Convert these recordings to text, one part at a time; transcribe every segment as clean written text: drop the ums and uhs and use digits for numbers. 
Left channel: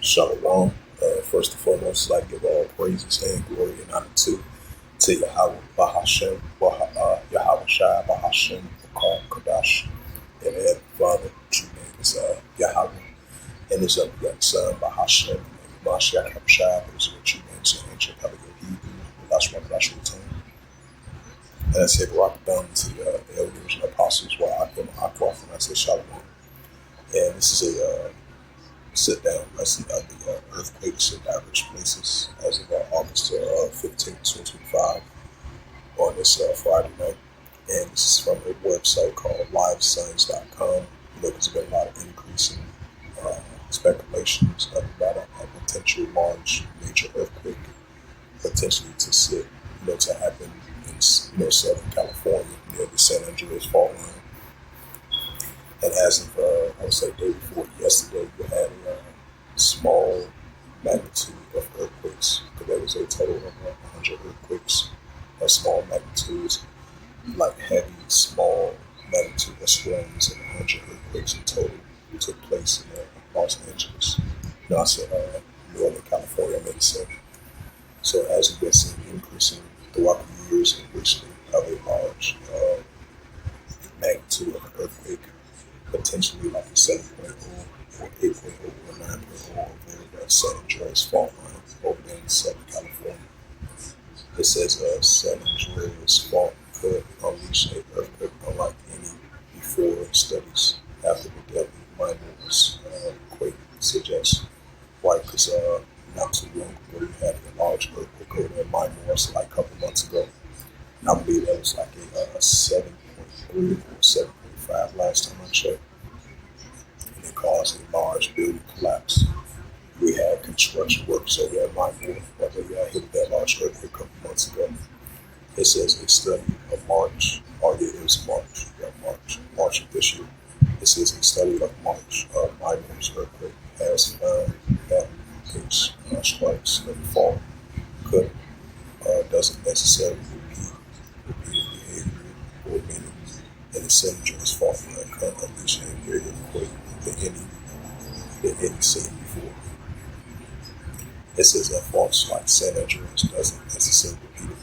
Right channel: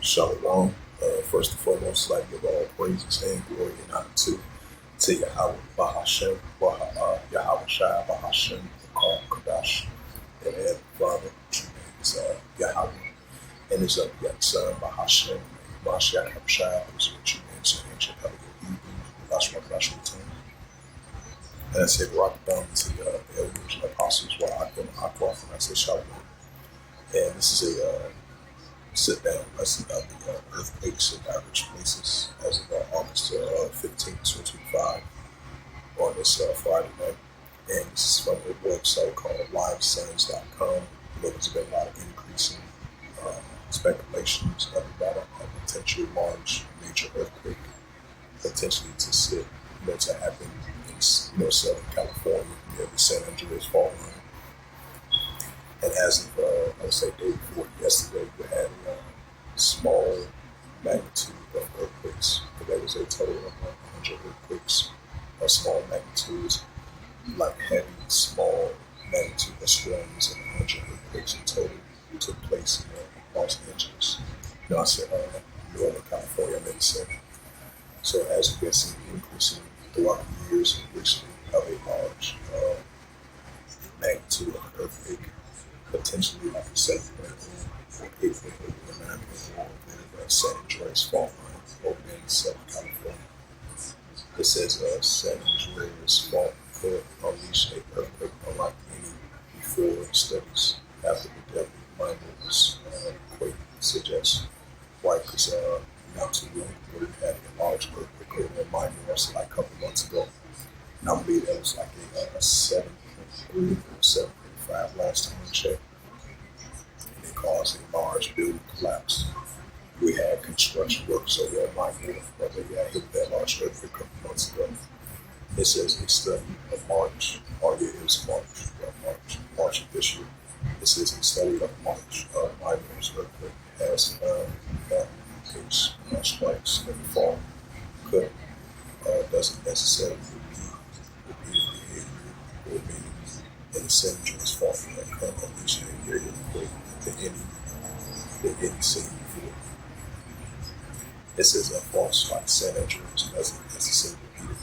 Shalom. First and foremost, I'd like to give all praises and glory and honor to Yahweh Bahashem, Yahweh Shai Bahashem, Bakar Kadash, and Heavenly Father, which your name is Yahweh, and his unbegotten Son, Bahashem, Mashiach Shai, who is what your name is, ancient Pelican Hebrew, Lash Makash Return. And I say, rock down to the elders and apostles while I come Aqua, and I say, Shalom. And this is a sit-down lesson of the earthquakes in diverse places as of August 15, 2025 on this Friday night. And this is from a website called livescience.com. There's been a lot of increasing speculations about a potential large major earthquake potentially to sit, to happen in Southern California near the San Andreas fault line. And as of, I would say, day before yesterday, we had a small magnitude of earthquakes. There was a total of 100 earthquakes, small magnitudes, like heavy, small magnitude of storms, and 100 earthquakes in total took place in Los Angeles. I said Northern California, I meant to say. So as we've been seeing increasing throughout the years and recently of a large magnitude of an earthquake, potentially like a 7.0 or 8.0 or 9.0 over the San Andreas fault line over there in Southern California. It says San Andreas fault could unleash an earthquake unlike any before studies after the deadly minor quake suggests. Why? Because not too long ago we had a large earthquake over in Minor, like a couple months ago. And I believe that was like a 7.3 or 7.5 last time I checked. And it caused a large building collapse. We had construction workers over at Minor, where they hit that large earthquake a couple months ago. It says a study of March, it was March, March of this year. It says a study of March of Minor's earthquake has found that case strikes that fall doesn't necessarily repeat behavior or meaning in the San Andreas fault line can unleash a greater quake than any seen before. It says that faults like San Andreas doesn't necessarily repeat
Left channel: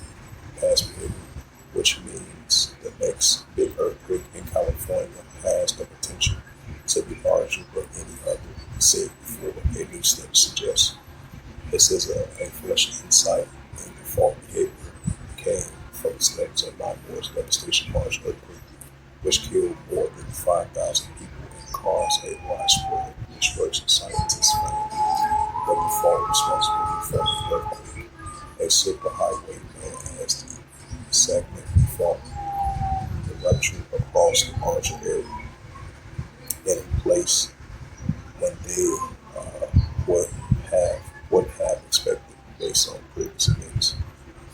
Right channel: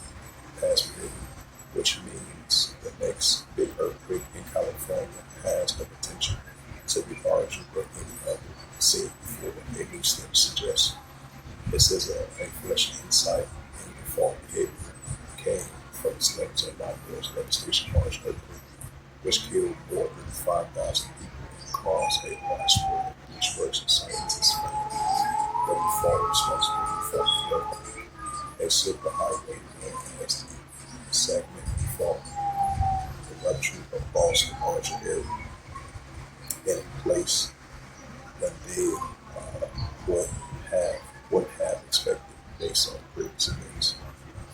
past behavior, which means the next big earthquake in California has the potential to be larger than any other said before, a new study suggests. It says a fresh insight into fault behavior came from the studies of Minor's devastation March earthquake, which killed more than 5,000 people and caused a widespread destruction. Scientists found that the fault responsible for the earthquake, a superhighway known as the segment fault, erupted across the larger area, and in place when they would have expected based on previous events.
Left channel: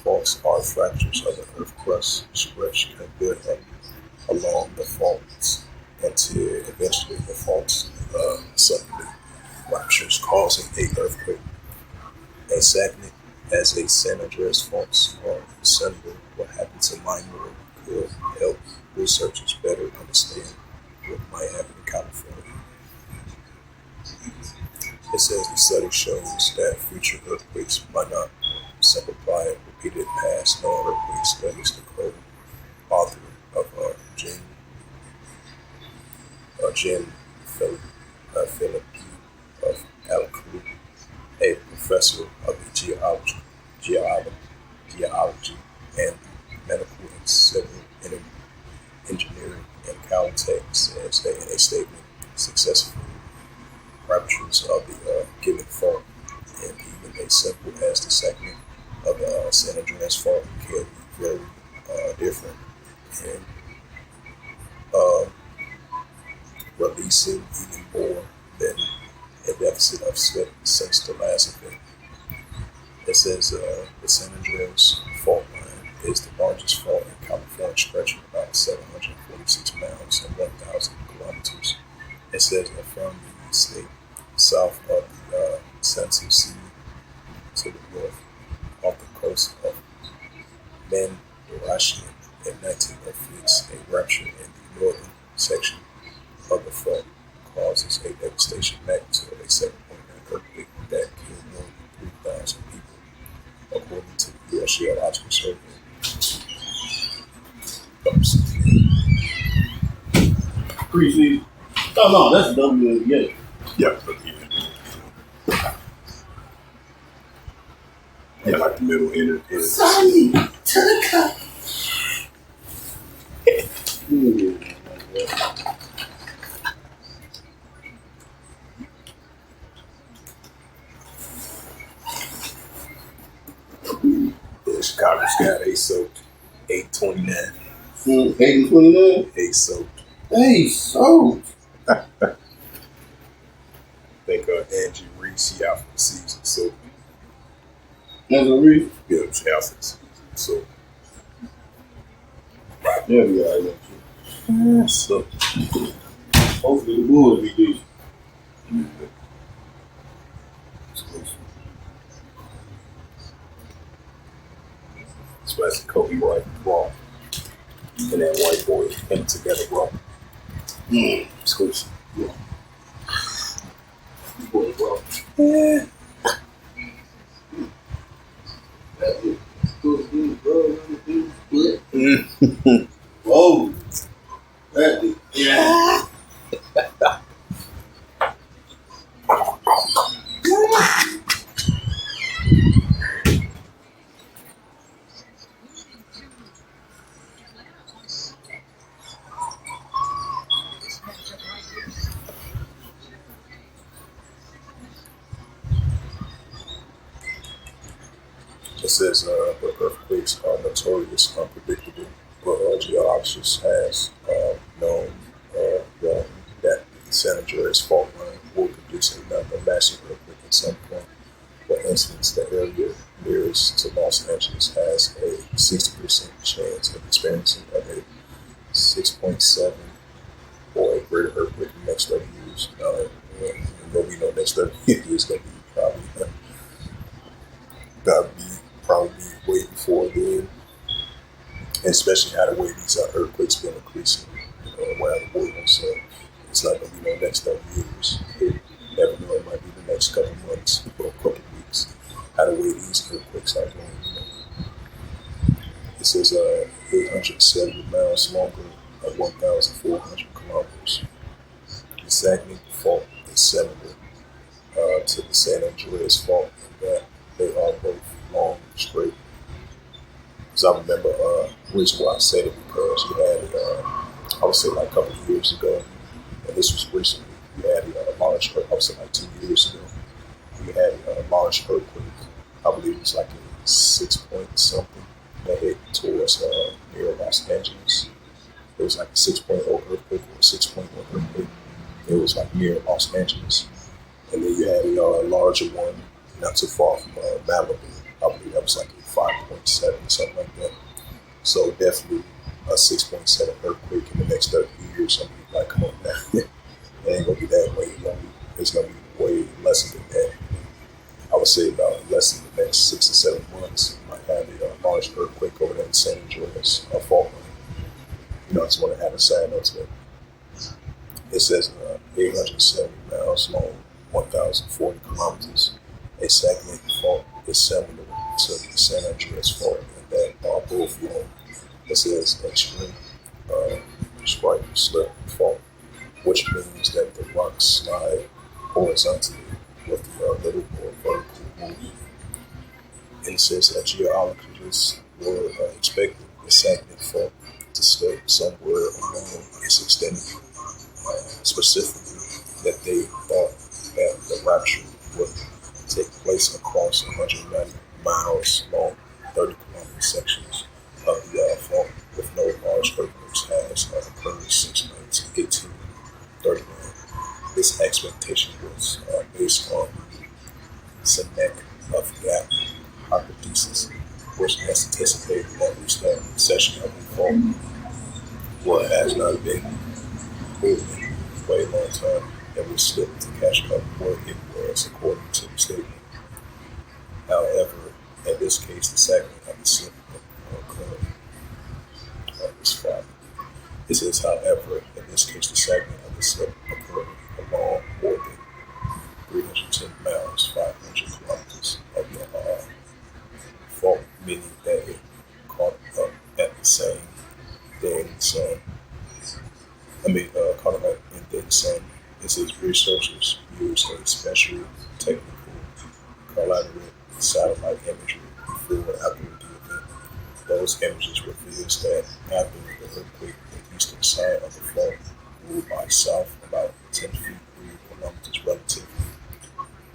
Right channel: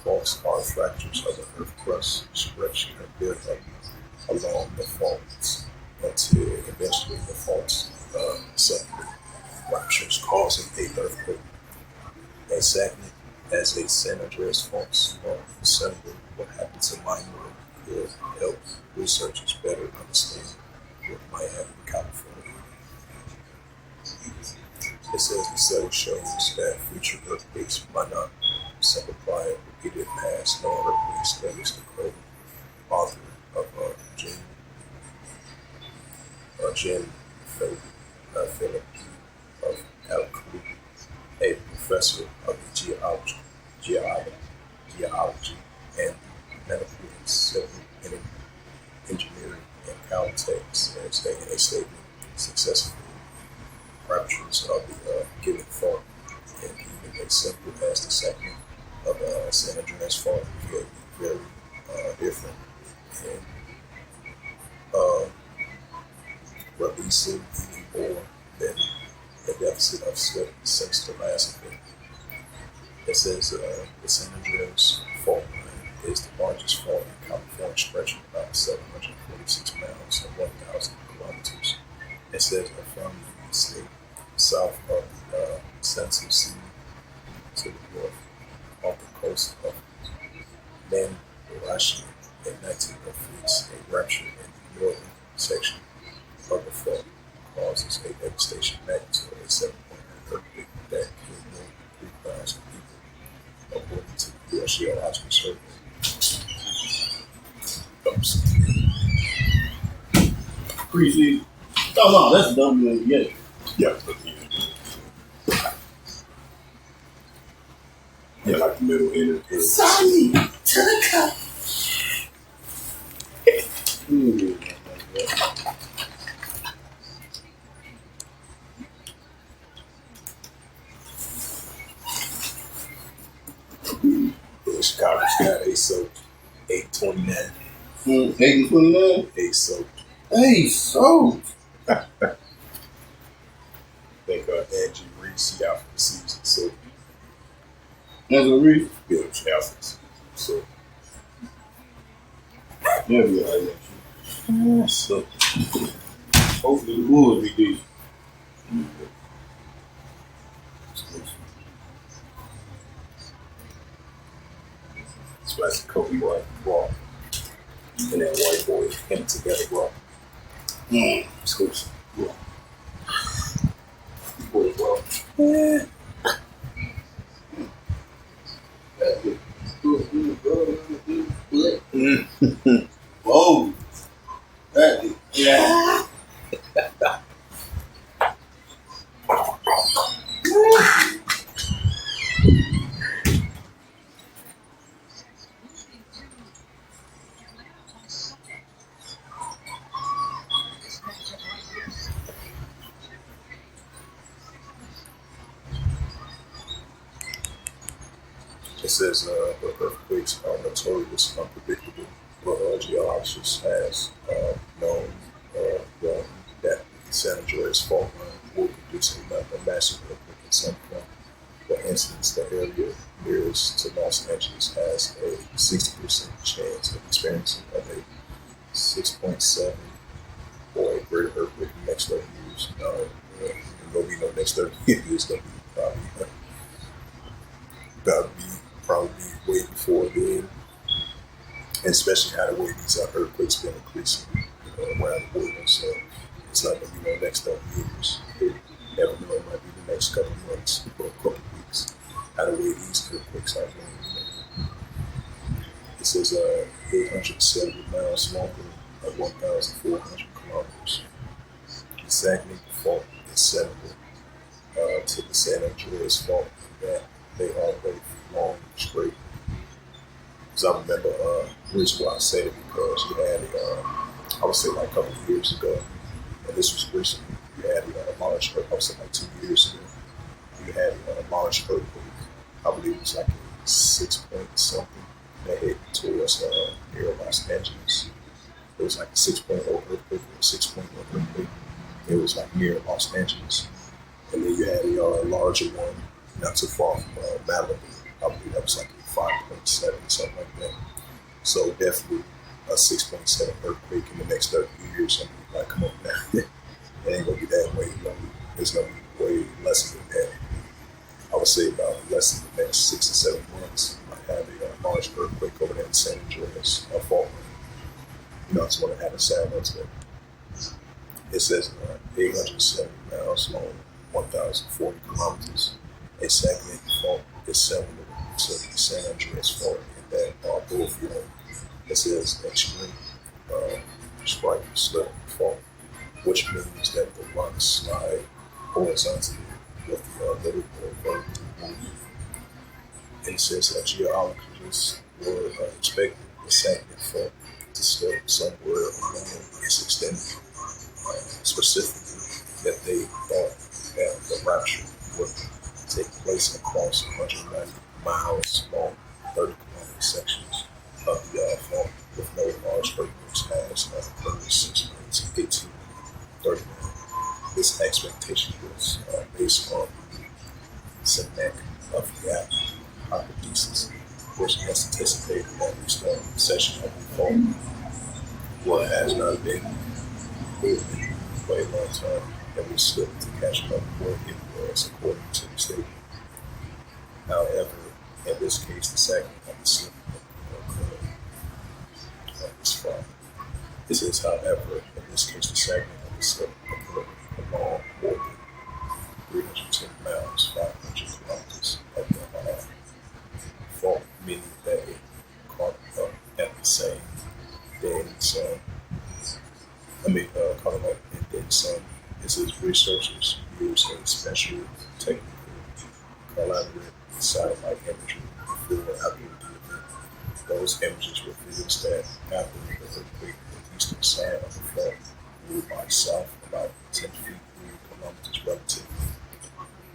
Faults are fractures of the earth crust stretched and built up along the faults until eventually the faults suddenly ruptures, causing an earthquake. Exactly as a San Andreas faults are assembled, what happened to Minor could help researchers better understand what might happen in California. It says the study shows that future earthquakes might not simplify repeated past known earthquake studies. The co-author of Jen Philip of Alcru, a professor of geology and medical and civil engineering in Caltech, says that in a statement, successful ruptures of the given fault, and even as simple as the segment of the San Andreas fault can be very different and releasing even more than the deficit of since the last event. It says the San Andreas fault line is the largest fault in California, stretching about 746 miles and 1,000 kilometers. It says that from the state south of the Central Sea to the north off the coast of Mandaratian in 1906, a rupture in the northern section of the fault causes a devastation magnitude of a 7.9 Preseason. Oh no, that's WNBA. Yeah. Yeah, like the middle inner. Sorry, to the cup. Yeah, Chicago's got a soaked 829. 8-29? 8 soaked. 8 soaked. I think Angie Reese out for the season. So Angela Reese? yeah, she's out for the season. So Yeah. so Hopefully the Bulls be decent. Especially Kobe White Raw and that white boy came together Raw. Exclusive. Yeah. Boy, bro. Yeah. Whoa. That yeah. It says the earthquakes are notorious unpredictable, but geologists has known that the San Andreas fault line will produce another massive earthquake at some point. For instance, the area nearest to Los Angeles has a 60% chance of experiencing a 6.7 or a greater earthquake in the next 30 years. There'll be no next 30 years. It's going to be probably way before then, and especially how the way these earthquakes been increasing around the world. So it's not going to be no next 30 years. You never know, it might be the next couple of months or a couple of weeks. How the way these earthquakes are going. It says 870 miles longer at 1,400 kilometers. The Saginaw Fault is similar to the San Andreas Fault in that they are both long and straight. Because I remember the reason why I said it because you had I would say like a couple of years ago, and this was recently, you had a large earthquake, I would say like 2 years ago, you had a large earthquake. I believe it was like a 6 point something that hit towards near Los Angeles. It was like a 6.0 earthquake or a 6.1 earthquake. It was like near Los Angeles. And then you had a larger one not too far from Malibu. I believe that was like a 5.7, something like that. So definitely a 6.7 earthquake in the next 30 years. I mean, like, come on now. It ain't going to be that way. It's going to be way less than that. I would say about less than the next 6 or 7 months, you might have a large earthquake over there in San Andreas fault line. I just want to have a sign onto it. It says 870 miles long, 1,040 kilometers. A Saginaw fault is similar to the San Andreas fault in that are both long. It says extreme strike slip fault, which means that the rocks slide horizontally with the little more vertical movement. And it says that geologists were expecting the Saginaw fault to slip somewhere along its extent. Specifically, that they thought that the rupture would take place across 190 miles long, 30-kilometer sections of the fault with no large earthquakes has occurred since 1839. This expectation was based on the Seneca of the hypothesis, which anticipated that the section of the fault has not been moving for a long time and will slip to catch up where it was according to the statement. However, in this case, the second of the slip occurred on this Friday. It says, however, in this case, the second of the slip occurred along more than 310 miles, 500 kilometers of the fault, meaning that it caught up at the same day in the sun. kind of like, and then some. It says researchers use a special technical collaborate satellite imagery before and after the event. Those images reveals that after the earthquake, the eastern side of the fault moved by south about 10 feet 3 kilometers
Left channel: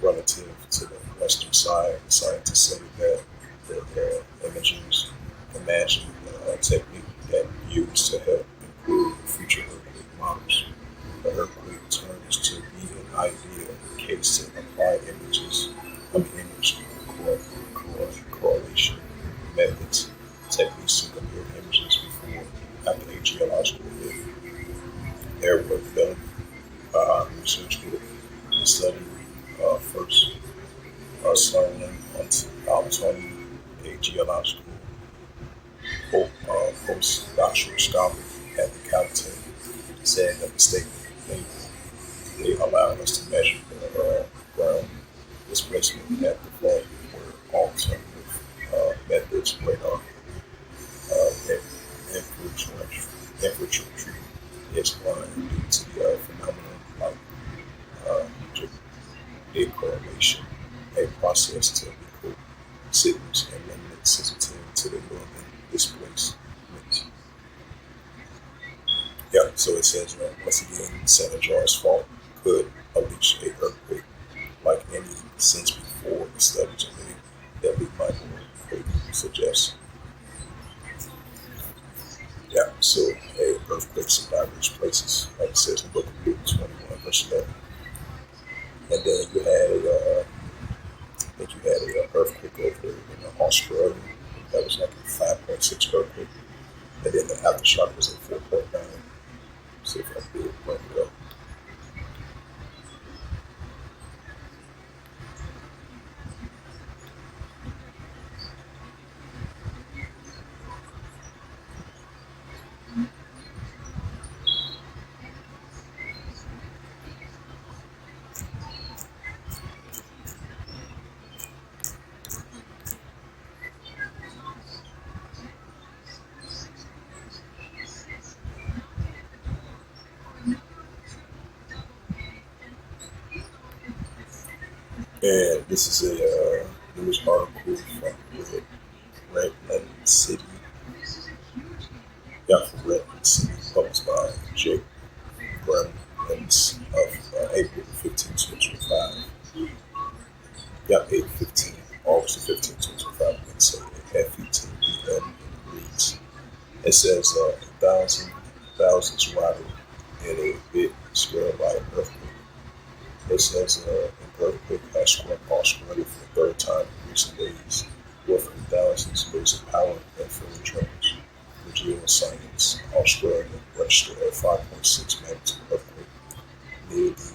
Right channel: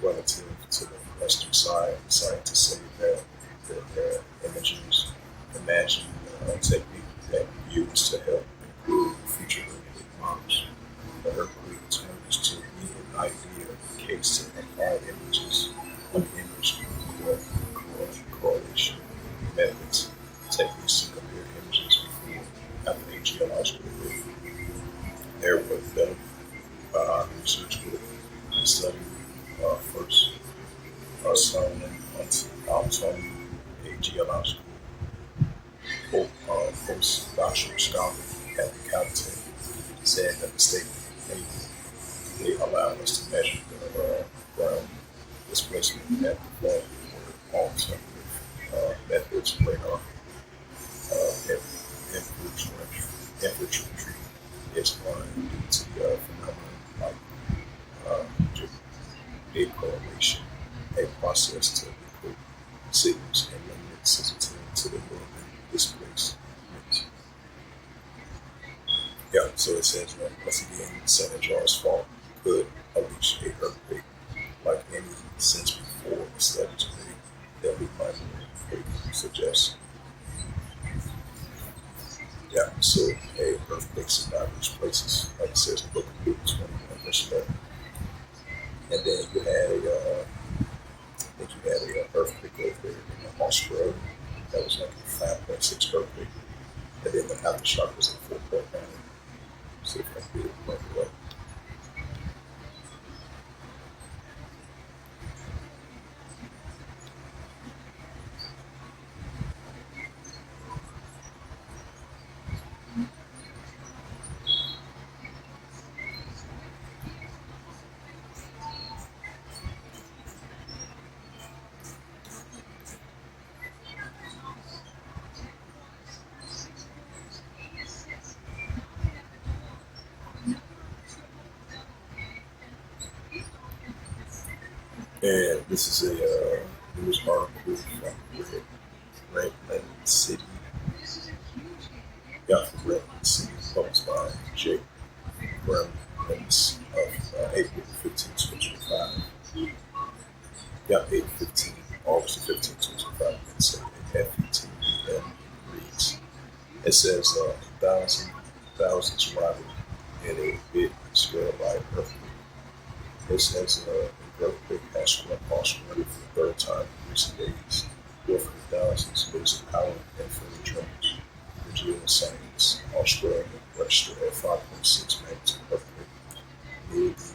relative to the western side. The scientists say that the images imagine a technique that used to help improve future earthquake models. The earthquake turns to be an idea case to apply image correlation methods, techniques to compare images before after a geological event. Their work developed by our research group to study first Sterling Tony, a geological postdoctoral scholar at the Caltech, said that the statement they allow us to measure the ground displacement at the fault where alternative methods radar temperature treatment is blind due to the phenomenon like uh, decorrelation, a process to decode signals and limited sensitivity to the movement displacement. Yeah, so it says once again, San Andreas fault could unleash a earthquake like any since before the studies of the deadly microearthquake suggest. Yeah, so a earthquakes in diverse places, like it says in the book of Luke 21, verse 11. And then you had a earthquake over in Australia that was like a 5.6 earthquake, and then the aftershock was a 4.9. See if I can bring it up. And this is a news article from Redland City. Yeah, from Redland City, published by Jake Gremlins of April 15, 2025. Yeah, April 15, August the 15th, 2025. It's F-E-T-E-N reads. It says thousands rattled in a big scale by earthquake. It says an earthquake has struck Australia for the third time in recent days, with thousands losing power and feeling tremors. The geoscience Australia registered a 5.6 magnitude earthquake near the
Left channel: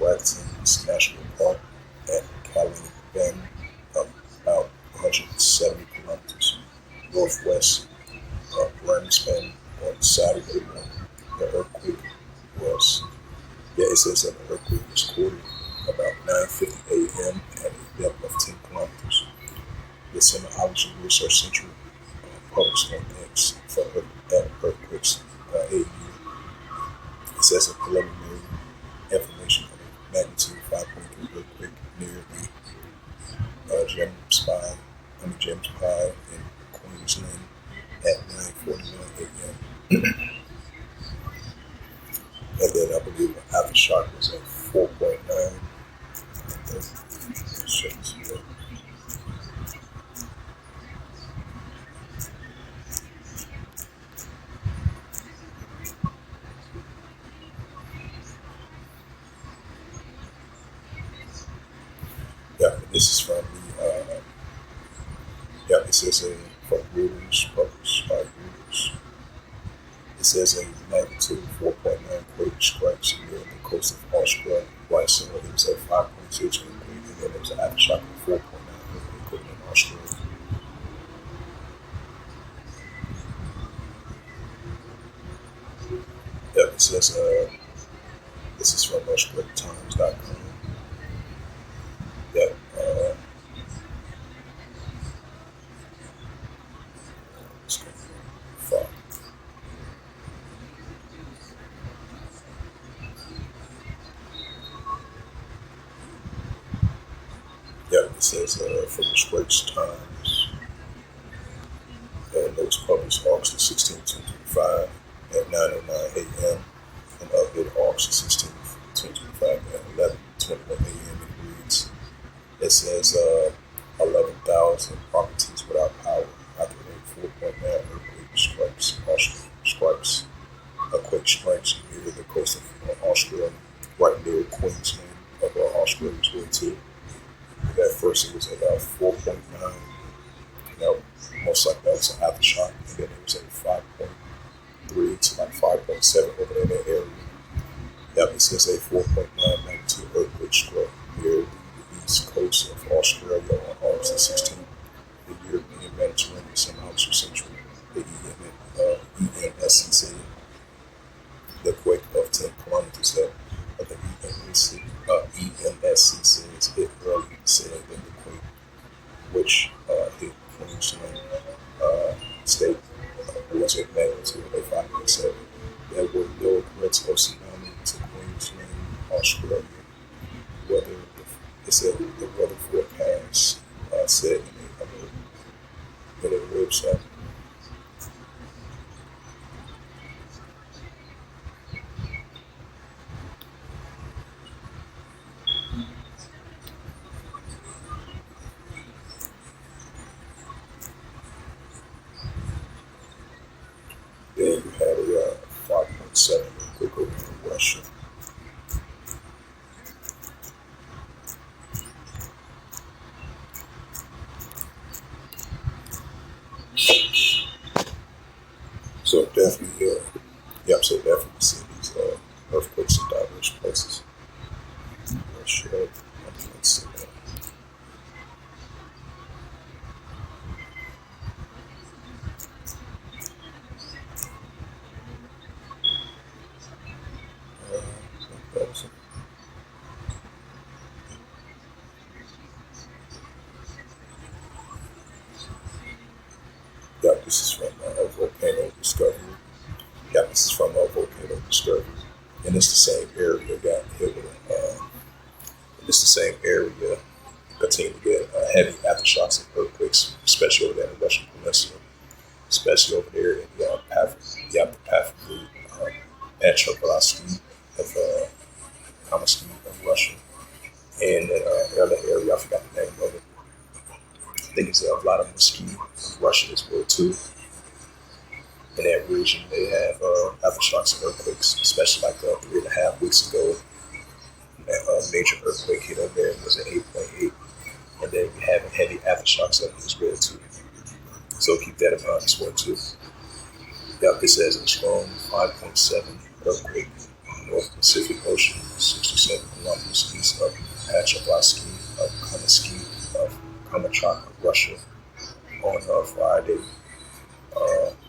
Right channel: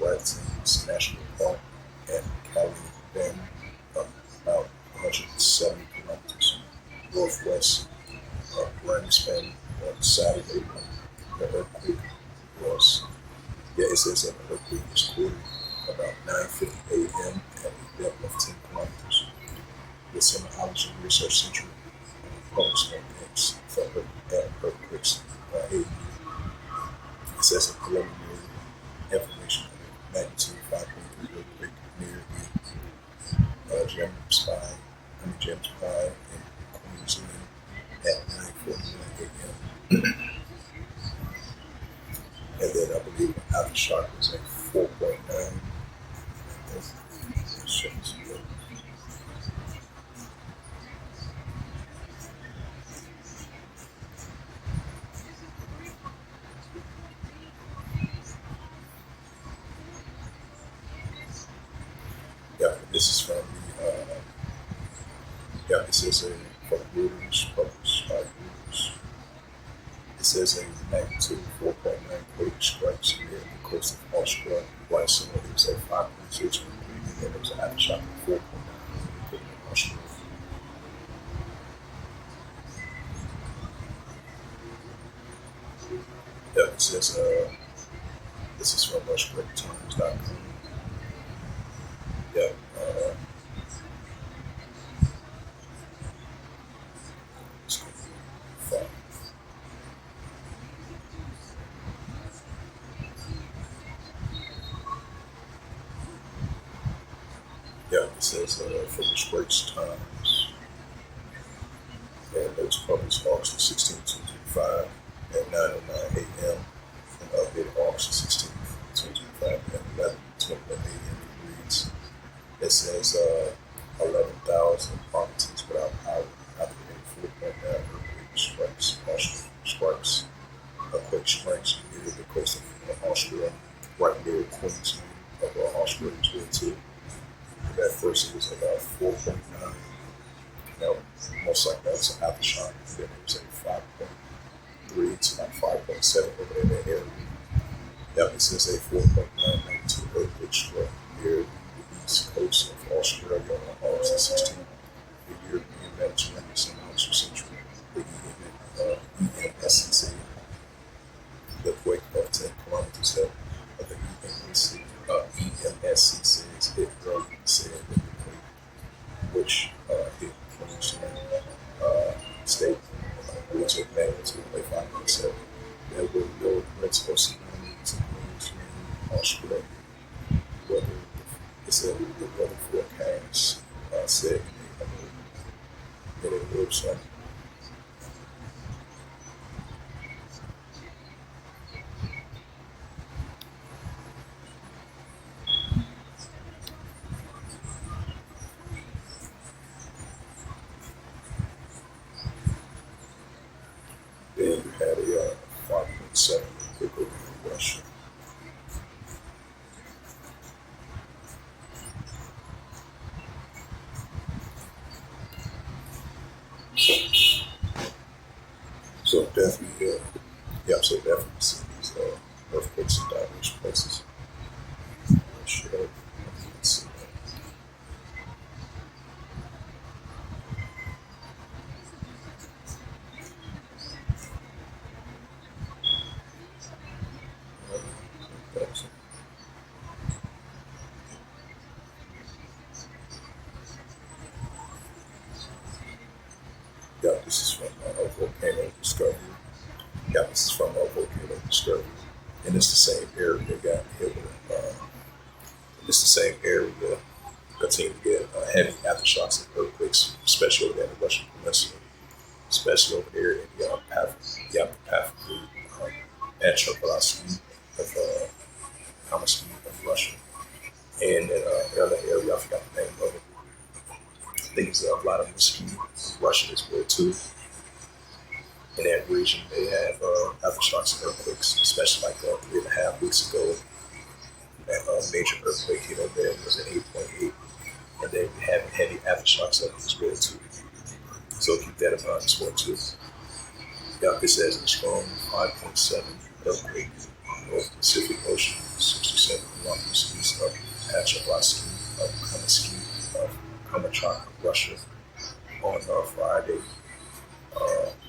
Watkins National Park at Caliban, about 170 kilometers northwest of Brisbane on Saturday morning. The earthquake was, it says that the earthquake was recorded about 9:50 a.m. at a depth of 10 kilometers. The Seismology Research Center published on X for earthquakes AU. It says a preliminary information of a magnitude 5.3 earthquake near the James Pie in Queensland at 9:49 a.m. And then I believe the aftershock was at 4.9. Yeah, this is from this is a from Reuters, published by Reuters. It says a magnitude 4.9 quake strikes near the coast of Australia. Last summer it was a 5.6 earthquake, and then there was an aftershock of 4.9 earthquake in Australia. Yeah, it says this is from AustralianTimes.com. Yeah, it's going to be fun. It says from the Straits Times, and it was published August 16, 2025 at 9:09 a.m. and updated August 16, 2025 at 11:21 a.m. It reads, it says 11,000 properties without power after a 4.9 earthquake strikes a quake strikes near the coast of Australia, right near Queensland of Australia as well too. That first it was about 4.9. Now, most likely that was an aftershock, and then it was a 5.3 to like 5.7 over there in that area. Yep, it says a 4.9 magnitude earthquake struck near the east coast of Australia on August 16th. The European Mediterranean somehow to central the EMSCC. The quake of 10 kilometers that of the EMSC says hit early said in the quake, which hit Queensland state was a magnitude of 5.7. There were no threats or tsunami to Queensland, Australia. Whether it said the weather forecast said in a website. Then you had a 5.7 quick over in Russia. So definitely, so definitely see these earthquakes in diverse places. Sure. Let's see. This is from Volcano Discovery. This is from Volcano Discovery. And it's the same area got hit with, it's the same area continue to get heavy aftershocks and earthquakes, especially over there in the Russian Peninsula, especially over there in the Petrovsky of Kamaski of Russia. And then another area, I forgot the name of it. I think it's Vladimirsky of Russia as well too. In that region, they have aftershocks and earthquakes, especially like 3.5 weeks ago. That major earthquake hit over there was an 8.8, and then you have heavy aftershocks of it as well too. So keep that in mind as well too. This says a strong 5.7 earthquake North Pacific Ocean, 67 kilometers east of Petrovsky of Kamchatka, Russia, on Friday,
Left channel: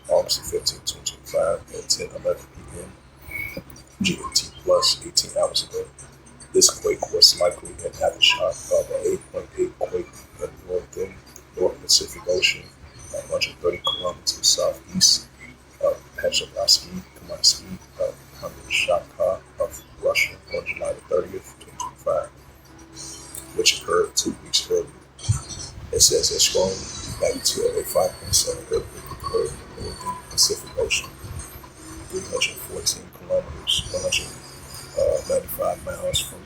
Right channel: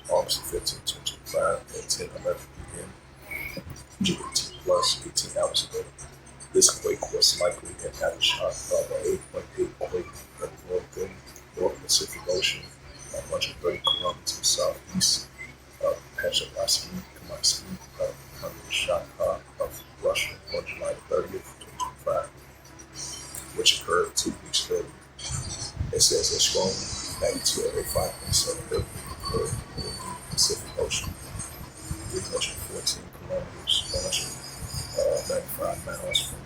August 15, 2025 at 10:11 p.m. GMT plus 18 hours ago. This quake was likely an aftershock of an 8.8 quake in the North Pacific Ocean, 130 kilometers southeast of Petrovsky of Kamchatka of Russia on July 30th, 2025, which occurred 2 weeks earlier. It says a strong magnitude of a 5.7 earthquake occurred in the Pacific Ocean, 314 kilometers, 195 miles from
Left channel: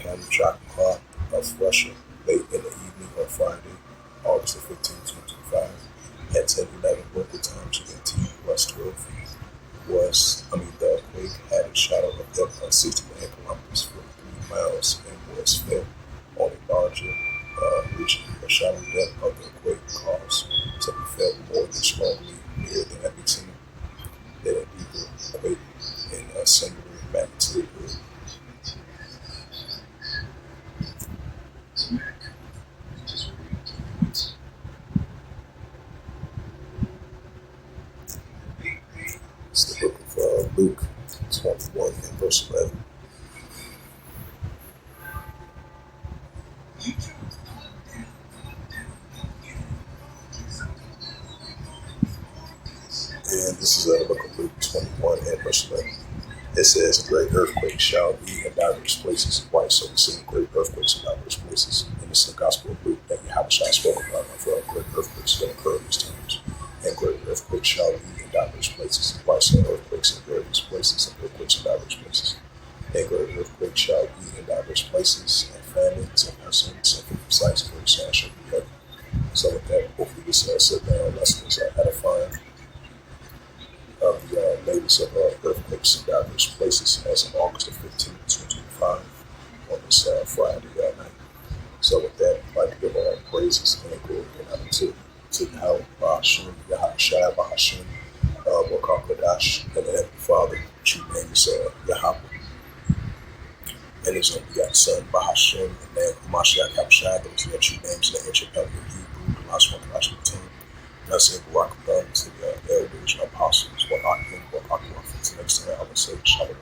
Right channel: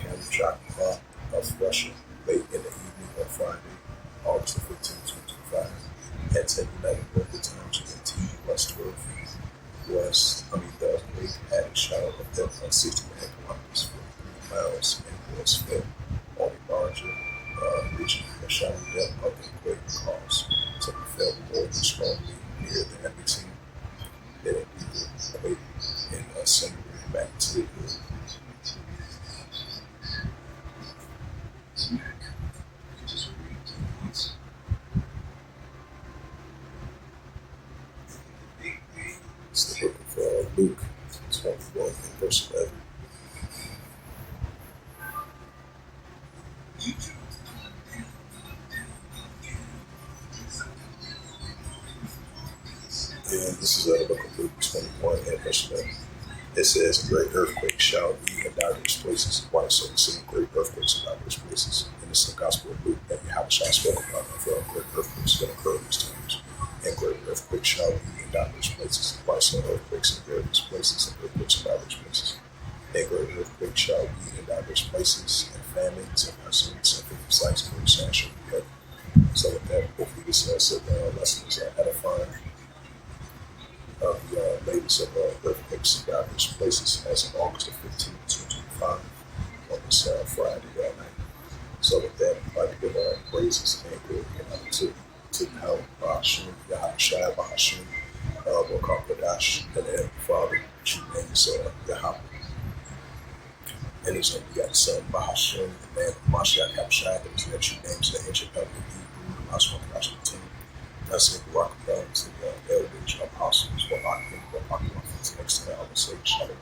Kamchatka of Russia, late in the evening on Friday, August 15, 2025, at 10:11 local time GMT plus 12. The quake had a shadow of depth of 69 kilometers, 43 miles, and was felt on a larger region. The shadow depth of the quake caused to be felt more than strongly near the epicenter than an equal quake in a single magnitude. It's the book of Luke 21 and verse 11. And this is the book of Luke 21 and verse 11. It says a great earthquake shall be in diverse places. Right, so we're seeing great earthquakes in diverse places. And it's the Gospel of Luke that Yahushua spoke about great earthquakes going to occur in these times. And great earthquakes shall be in diverse places. Right, so earthquakes in various places and earthquakes in diverse places. And great earthquakes shall be in diverse places, and famines and pestilence and fruitful sites and great sand shall be heavy. So with that, hopefully this sit-down lesson is edifying of the latest of earthquakes in diverse places as of August the 15th, 2025, on this Friday night. So with that, I'd like to give all praises and glory and honor to Yahweh, Bahashim, Yahushua, Bahashim, Wakakadash, and the Heavenly Father, which he names Yahweh, and his only begotten Son, Bahashim, and man, Mashiach Yahushua, those are the true names in the ancient covenant of Hebrew, the last one, the last one, Blessing Barak to the elders, apostles, Walakim, Walakim, next time I would say Shalom.